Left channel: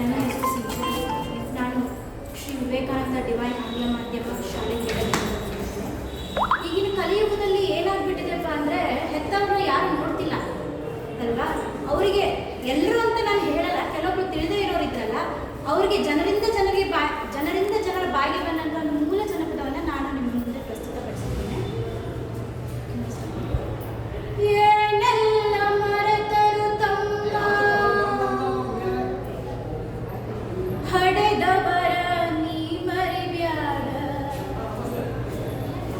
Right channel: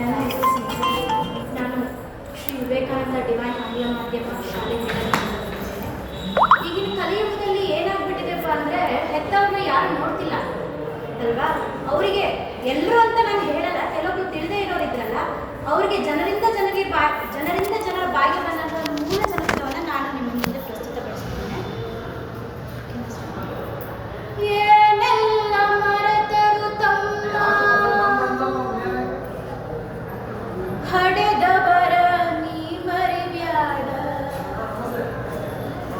ನನ್ನ ಹೆಸರು ಸಿಂಚು. ನಾನು ಶ್ರೀ ವಿವೇಕಾನಂದ ಡಿವೈನ್ ಆಂಗ್ಲ ಮಾಧ್ಯಮ ಶಾಲೆಯಿಂದ ಈಗಿನ ಕಲಿಯುಗದಲ್ಲಿ ಏನಾಗ್ಬಿಟ್ಟಿದೆಪ್ಪ ಅಂದರೆ ಹೆತ್ತವ್ರನ್ನ ಯಾರು ನೋಡ್ತಿಲ್ಲ ಅಲ್ವಾ. ಅವರಿಗೆ ಎಲ್ಲರೂ ಅಂತ ನಾನು ಹೇಳಲ್ಲ, ಕೆಲವೊಬ್ರು ತಿಳಿದೇ ಇರೋರಿದ್ರಲ್ಲ, ಅವರಿಗೆ ಜನರಿಂದ ಜನರ ಬಾಯಿಗೆ ಬಂದಂಥ ಮೂಲ ಜನಪದವನ್ನು ನಾನು ನಿಮ್ಮ ಮುಂದೆ ಪ್ರಸ್ತುತಪಡಿಸುತ್ತೇನೆ. ಏನೆಲ್ಲ ಮರೆತರು ತಮ್ಮ ಹಡೆದವರ ನೀ ಮರಿಬ್ಯಾಡ,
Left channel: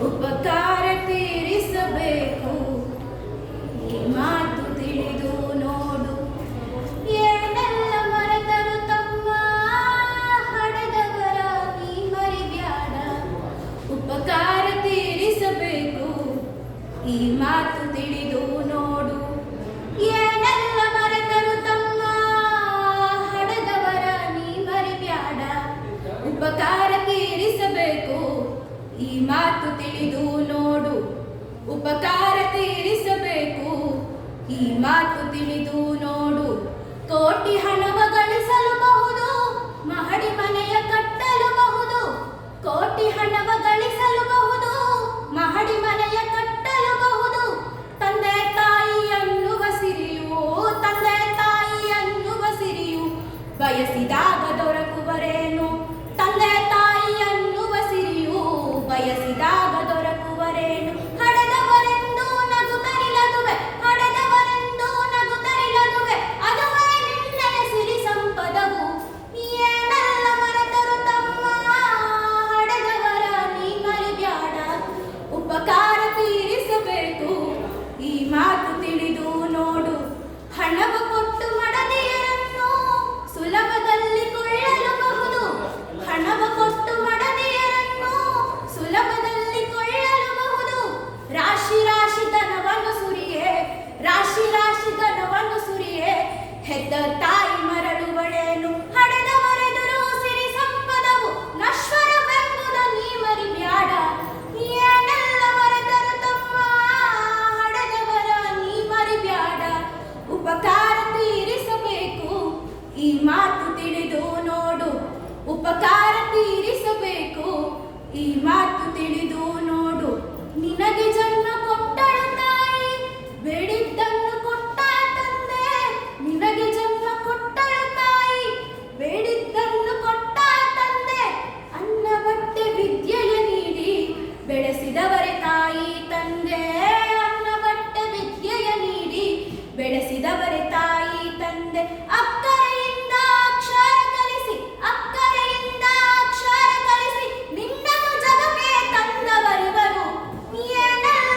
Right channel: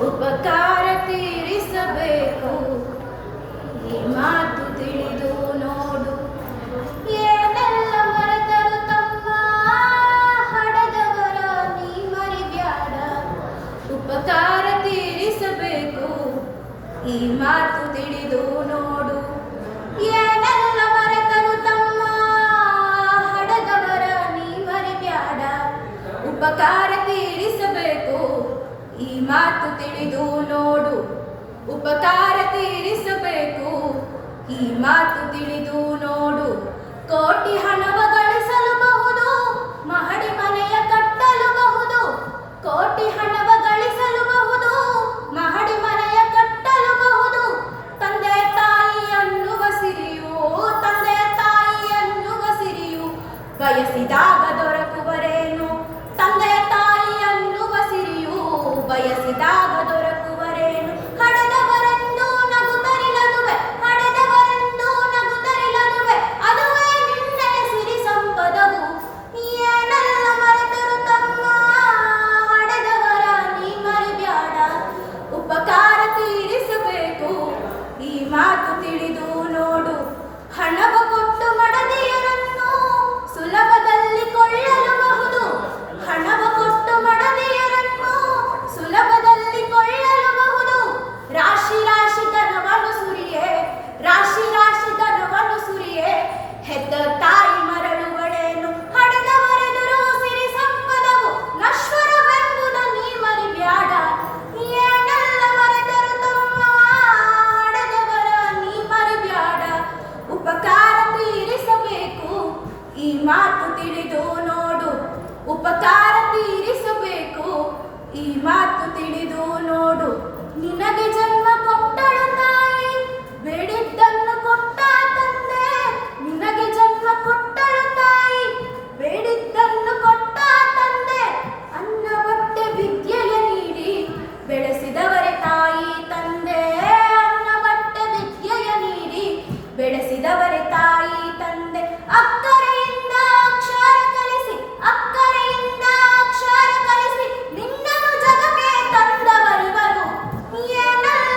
ಉಪಕಾರ ತೀರಿಸಬೇಕು ಈ ಮಾತು ತಿಳಿದು ನೋಡು. ಏನೆಲ್ಲ ಮರೆತರು ತಮ್ಮ ಹಡೆದವರ ನೀ ಮರಿಬ್ಯಾಡ, ಉಪಕಾರ ತೀರಿಸಬೇಕು ಈ ಮಾತು ತಿಳಿದು ನೋಡು. ಏನೆಲ್ಲ ಮರೆತರು ತಮ್ಮ ಹಡೆದವರ ನೀ ಮರಿಬ್ಯಾಡ, ಉಪಕಾರ ತೀರಿಸಬೇಕು ಈ ಮಾತು ತಿಳಿದು ನೋಡು. ಉಪಕಾರ ತೀರಿಸಬೇಕು ಈ ಮಾತು ತಿಳಿದು ನೋಡು. ಕೋಟಿ ಹಣವ ಗಳಿಸಲುಬಹುದು, ಮಹಡಿ ಮನೆಯ ಕಟ್ಟಲುಬಹುದು. ಕೋಟಿ ಹಣವ ಗಳಿಸಲುಬಹುದು, ಮಹಡಿ ಮನೆಯ ಕಟ್ಟಲುಬಹುದು. ತಂದೆ ತಾಯಿ ಅನ್ನುವ ಸಿರಿಯು, ತಂದೆ ತಾಯಿ ಅನ್ನುವ ಸಿರಿಯು ಬಯಸಿದಾಗ ದೊರಕುವರೇನು. ತಂದೆ ತಾಯಿ ಅನ್ನುವ ಸಿರಿಯು ಬಯಸಿದಾಗ ದೊರಕುವರೇನು. ಹಡೆದವರೆಂದು ನಗುತ್ತರಿಲದುವೆ, ಹಡೆದವರೆಂದು ನಗುತ್ತರಿಲದುವೆ, ಅದುವೇ ನಿನ್ನೆಡೆ ಸಿರಿ ಸಂಪದವು. ಏನೆಲ್ಲ ಮರೆತರು ತಮ್ಮ ಹಡೆದವರ ನೀ ಮರಿಬ್ಯಾಡ, ಉಪಕಾರ ತೀರಿಸಬೇಕು ಈ ಮಾತು ತಿಳಿದು ನೋಡು. ಹಣವ ಕೊಟ್ಟು ಮಡದಿಯರನ್ನು ಸುಲಭದಲ್ಲಿ ಕೊಳ್ಳಲುಬಹುದು, ಹಣವ ಕೊಟ್ಟು ಮಡದಿಯರನ್ನು ಸುಲಭದಲ್ಲಿ ಕೊಳ್ಳಲುಬಹುದು. ರಾಶಿ ರಾಶಿ ಧನವನ್ನು ಸುರಿಯೇ, ರಾಶಿ ರಾಶಿ ಧನವನ್ನು ಸುರಿಯೇ, ಹೆತ್ತ ತಾಯಿ ಮರಳುವಳೇನು. ಹಡೆದವರೆದುರು ಸಿರಿ ಸಂಪದವು ನಶ್ವರವೆಂಬುದ ನೀ ಮರಿಬ್ಯಾಡ. ಏನೆಲ್ಲ ಮರೆತರು ತಮ್ಮ ಹಡೆದವರ ನೀ ಮರಿಬ್ಯಾಡ, ಉಪಕಾರ ತೀರಿಸಬೇಕು ಈ ಮಾತು ತಿಳಿದು ನೋಡು. ಉಪಕಾರ ತೀರಿಸಬೇಕು ಈ ಮಾತು ತಿಳಿದು ನೋಡು. ನಿನಗೆ ಜನ್ಮ ಕೊಟ್ಟಳು ತಾಯಿ, ಬೇಡಿದ್ದನ್ನು ಕೊಟ್ಟ ತಂದೆ. ನಿನಗೆ ಜನ್ಮ ಕೊಟ್ಟಳು ತಾಯಿ, ಬೇಡಿದ್ದನ್ನು ಕೊಟ್ಟ ತಂದೆ. ಅನ್ನ ಬಟ್ಟೆ ವಿದ್ಯೆಯ ನೀಡಿ ಬೆಳೆಸಿದವರೇ ತಾಯಿ ತಂದೆ. ಅನ್ನ ಬಟ್ಟೆ ವಿದ್ಯೆಯ ನೀಡಿ ಬೆಳೆಸಿದವರೇ ತಾಯಿ ತಂದೆ. ಅಕ್ಕರೆಯಿಂದ ಅಕ್ಷರ ಕಲಿಸಿ, ಅಕ್ಕರೆಯಿಂದ ಅಕ್ಷರ ಕಲಿಸಿ ನಿನ್ನನ್ನು ಜಗಕ್ಕೆ ತಂದವರಿವರು. ಏನೆಲ್ಲ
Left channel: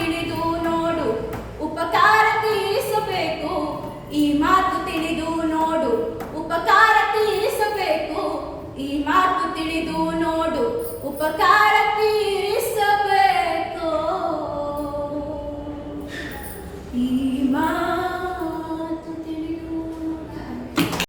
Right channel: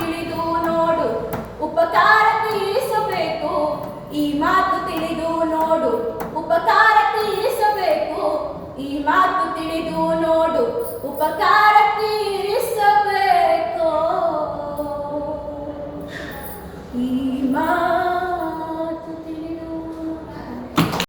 ತಿಳಿದು ನೋಡು ಉಪಕಾರ ತೀರಿಸಬೇಕು. ಈ ಮಾತು ತಿಳಿದು ನೋಡು ಉಪಕಾರ ತೀರಿಸಬೇಕು. ಈ ಮಾತು ತಿಳಿದು ನೋಡು ಉಪಕಾರ ತೀರಿಸಬೇಕು. ಈ